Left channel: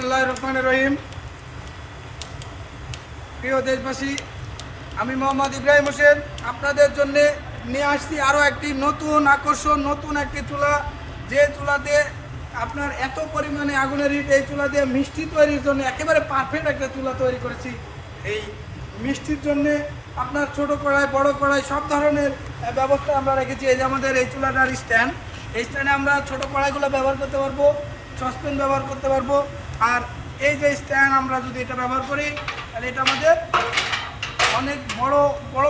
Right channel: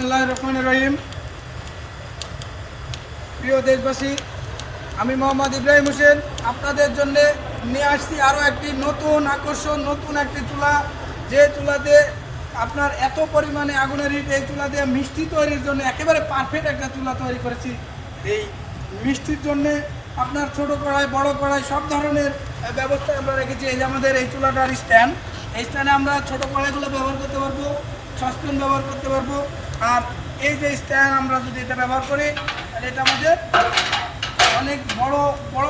বিসমিল্লাহির রহমানির রহিম। প্রিয় দেশবাসী, আমি মোহাম্মদ ইব্রাহিম হোসেন আপনাদের জন্য নিয়ে আসছি আরও একটি নতুন আকর্ষণ, নতুন একটি চুলা। যে চুলাতে আপনার এত পরিমাণে আগুনের হিট, এই চুলা দিয়ে মিষ্টি তৈরির জন্য একেবারে পারফেক্ট একটা চুলা তৈরি করেছি। এই মিষ্টির জন্যে আপনার ছোট কড়াই, বড় কড়াই সব ধরনের ব্যবস্থা আমরা রেখেছি। এই যে আমাদের এই চুলাটার স্ট্যান্ড, এই স্ট্যান্ডে আমরা ছোটো কড়াইগুলো ব্যবহার করতে পারবো, সসপ্যান ব্যবহার করতে পারবো। আর এই যে স্ট্যান্ড আমরা যদি এটা ব্যবহার করি, তাহলে এটা আমাদের অনেক বড়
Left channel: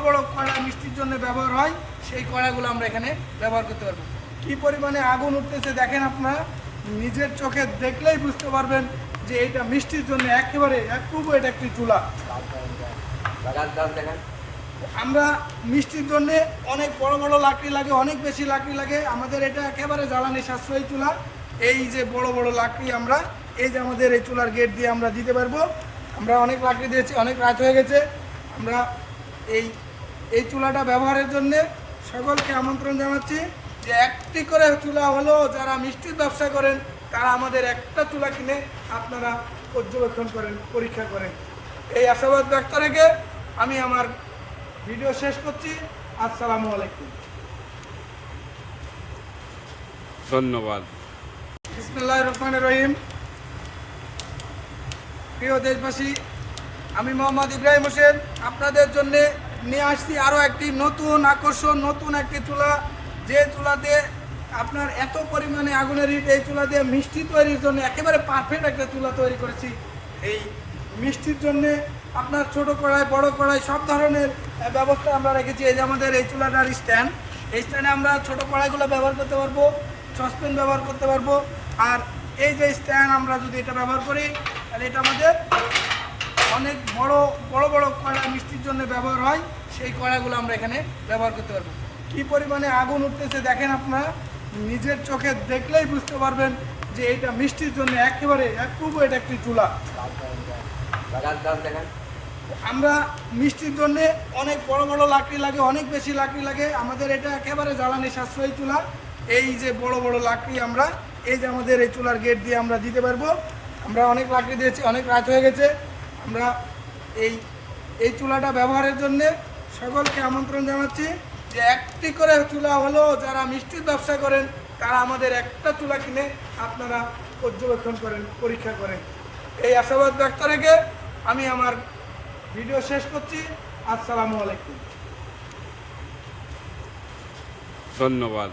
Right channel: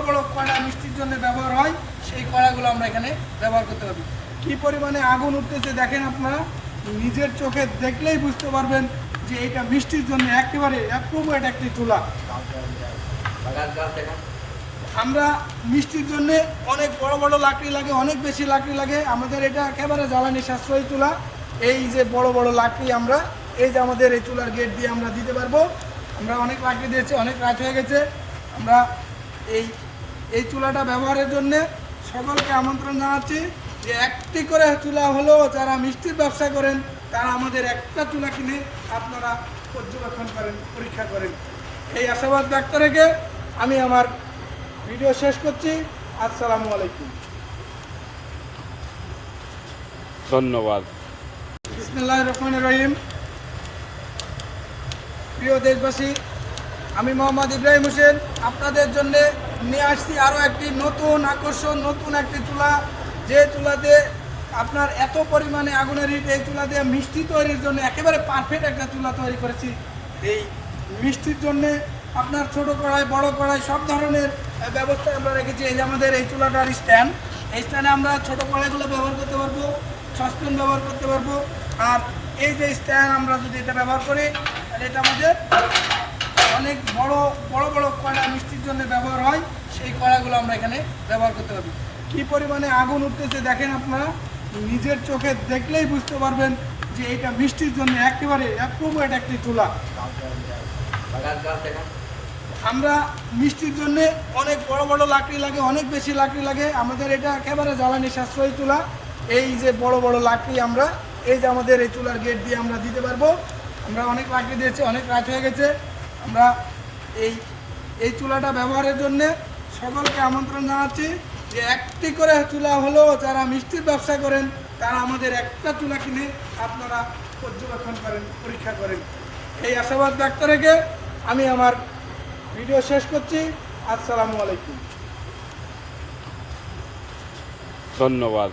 বড় কড়া মিষ্টির জন্য ব্যবহার হয়, সেই কড়াগুলো আমরা এখানে ব্যবহার করতে পারবো। কী পরিমাণে আগুন উঠতেছে দেখেন, আপনারা নিজের চোখে দেখলেই বুঝতে পারবেন যে এটা মিষ্টির জন্য একেবারে অ্যাপ্রোপ্রিয়েট একটি চুলা। আমরা মিষ্টির জন্যে অনেক বড় বড় লাকড়ি লাগে, অনেক বেশি লাকড়ি লাগে। আমাদের এটা একেবারে জ্বালানি সাশ্রয়ী চুলা। এই যে বড় বড় লাকড়ি আমরা এই যে আমাদের এই চুলার গেট দিয়ে আমরা দিতে পারবো। আমরা অনেক লাকড়ি দিয়েছি, অনেক রাত হয়ে গেছে। আমরা এই চুলাটা ব্যবহারের জন্য সকলকে আমন্ত্রণ জানাচ্ছি যে একটি করে চুলা হলো, যারা মিষ্টির ব্যবসা করেন তারা আমাদের একটা চুলা কিনে আপনারা পর্যবেক্ষণ করেন, পরীক্ষা করেন। এই আশাবাদ ব্যক্ত রেখে আমি আমার ভিডিও শেষ করছি। আসসালামু আলাইকুম, ধন্যবাদ। বিসমিল্লাহির রহমানির রহিম। প্রিয় দেশবাসী, আমি মোহাম্মদ ইব্রাহিম হোসেন আপনাদের জন্য নিয়ে আসছি আরও একটি নতুন আকর্ষণ, নতুন একটি চুলা। যে চুলাতে আপনার এত পরিমাণে আগুনের হিট, এই চুলা দিয়ে মিষ্টি তৈরির জন্য একেবারে পারফেক্ট একটা চুলা তৈরি করেছি। এই মিষ্টির জন্যে আপনার ছোট কড়াই, বড় কড়াই সব ধরনের ব্যবস্থা আমরা রেখেছি। এই যে আমাদের এই চুলাটার স্ট্যান্ড, এই স্ট্যান্ডে আমরা ছোটো কড়াইগুলো ব্যবহার করতে পারবো, সসপ্যান ব্যবহার করতে পারবো। আর এই যে স্ট্যান্ড আমরা যদি এটা ব্যবহার করি, তাহলে এটা আমাদের অনেক বড় বড় কড়া মিষ্টির জন্য ব্যবহার হয়, সেই কড়াগুলো আমরা এখানে ব্যবহার করতে পারবো। কী পরিমাণে আগুন উঠতেছে দেখেন, আপনারা নিজের চোখে দেখলেই বুঝতে পারবেন যে এটা মিষ্টির জন্য একেবারে অ্যাপ্রোপ্রিয়েট একটি চুলা। আমরা মিষ্টির জন্যে অনেক বড় বড় লাকড়ি লাগে, অনেক বেশি লাকড়ি লাগে। আমাদের এটা একেবারে জ্বালানি সাশ্রয়ী চুলা। এই যে বড় বড় লাকড়ি আমরা এই যে আমাদের এই চুলার গেট দিয়ে আমরা দিতে পারবো। আমরা অনেক লাকড়ি দিয়েছি, অনেক রাত হয়ে গেছে। আমরা এই চুলাটা ব্যবহারের জন্য সকলকে আমন্ত্রণ জানাচ্ছি যে একটি করে চুলা হলো, যারা মিষ্টির ব্যবসা করেন তারা আমাদের একটা চুলা কিনে আপনারা পর্যবেক্ষণ করেন, পরীক্ষা করেন। এই আশাবাদ ব্যক্ত রেখে আমি আমার ভিডিও শেষ করছি। আসসালামু আলাইকুম, ধন্যবাদ।